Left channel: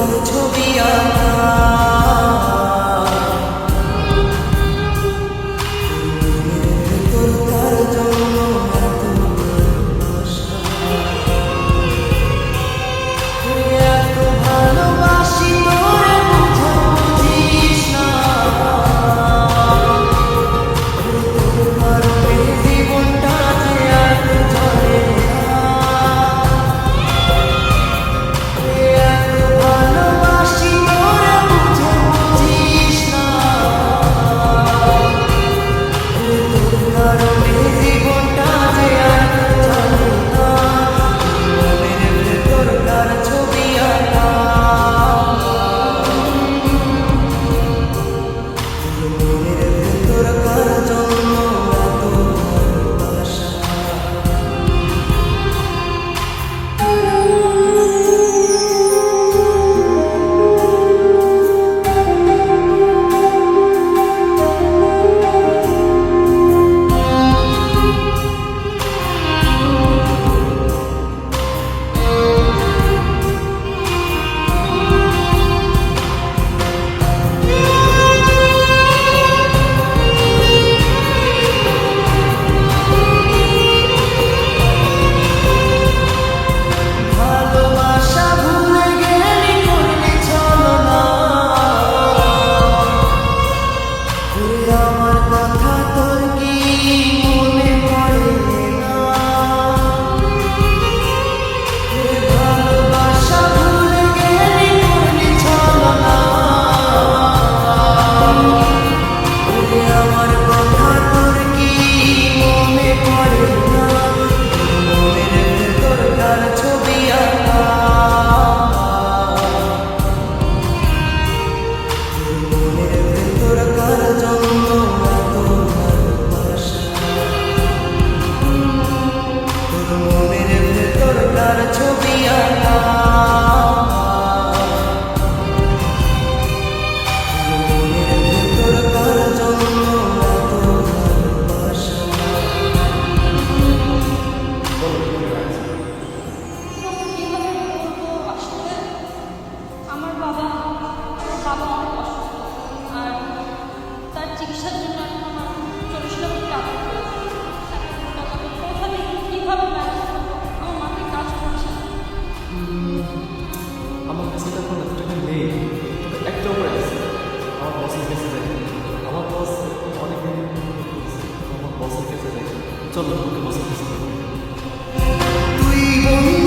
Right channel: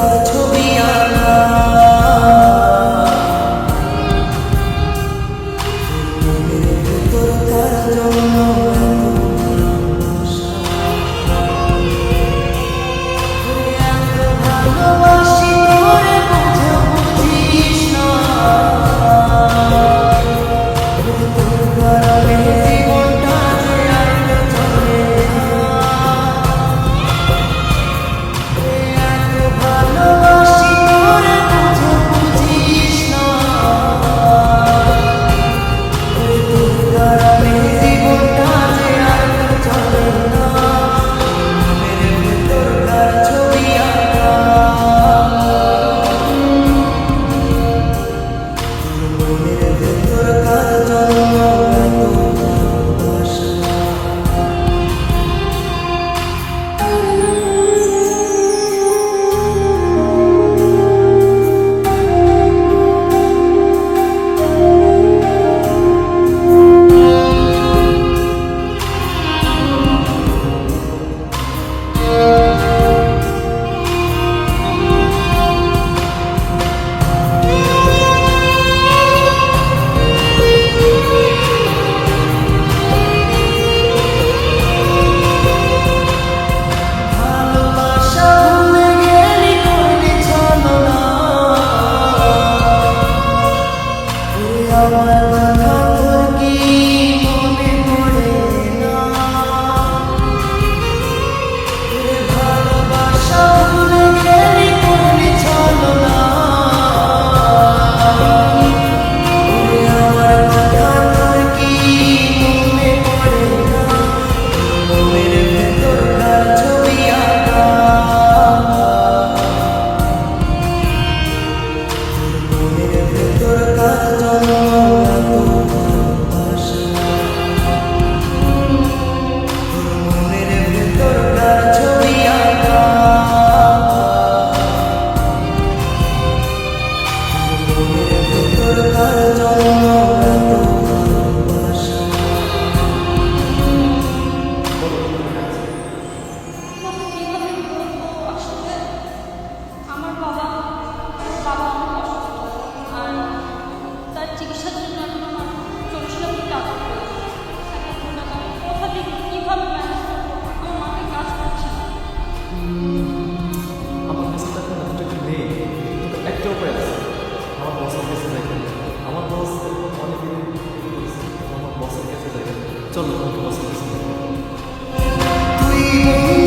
তার ছবি আঁকা মনের ভেতর তার জন্য এত ভালোবাসা এত ভালোবাসি তোরে বুঝে বুঝিস না তোর কারণে জীবনটা যে আর তো চলে না এত ভালোবাসি তোরে বুঝে বুঝিস না তোর কারণে জীবনটা যে আর তো চলে না মনের ভেতর কার ছবি আঁকা তোর মনের ভেতর কার জন্য এত ভালোবাসা ভালোবাসা ভুলে গেলি করলি ছলনা ওরে আমার কথা তোর কি মনে পড়ে না ওরে ভালোবাসা ভুলে গেলি করলি ছলনা ওরে আমার কথা তোর কি মনে পড়ে না মনের ভেতর কার ছবি আঁকা তোর মনের ভেতর কার জন্য এত ভালোবাসা তোর মনের ভেতর কার ছবি আঁকা তোর মনের ভেতর কার জন্য এত ভালোবাসা কিভাবে বলবো আসলে আমার বাবা অনেক অসুস্থ আর তার চিকিৎসার জন্য এখন আমার 40 লাখ টাকা প্রয়োজন। টাকা আমি কোথা থেকে কীভাবে ম্যানেজ করবো আমার মাথায় কাজ করছে না। আমার কাছে তো এখন এত টাকা নেই, তবে একটা উপায় আছে, আমার বসের কাছে যাই। আমার বস এরকম অনেকে আমার বসের কাছে যাই। চলো তোমাকে বসের কাছে যাই। তুই বন্ধু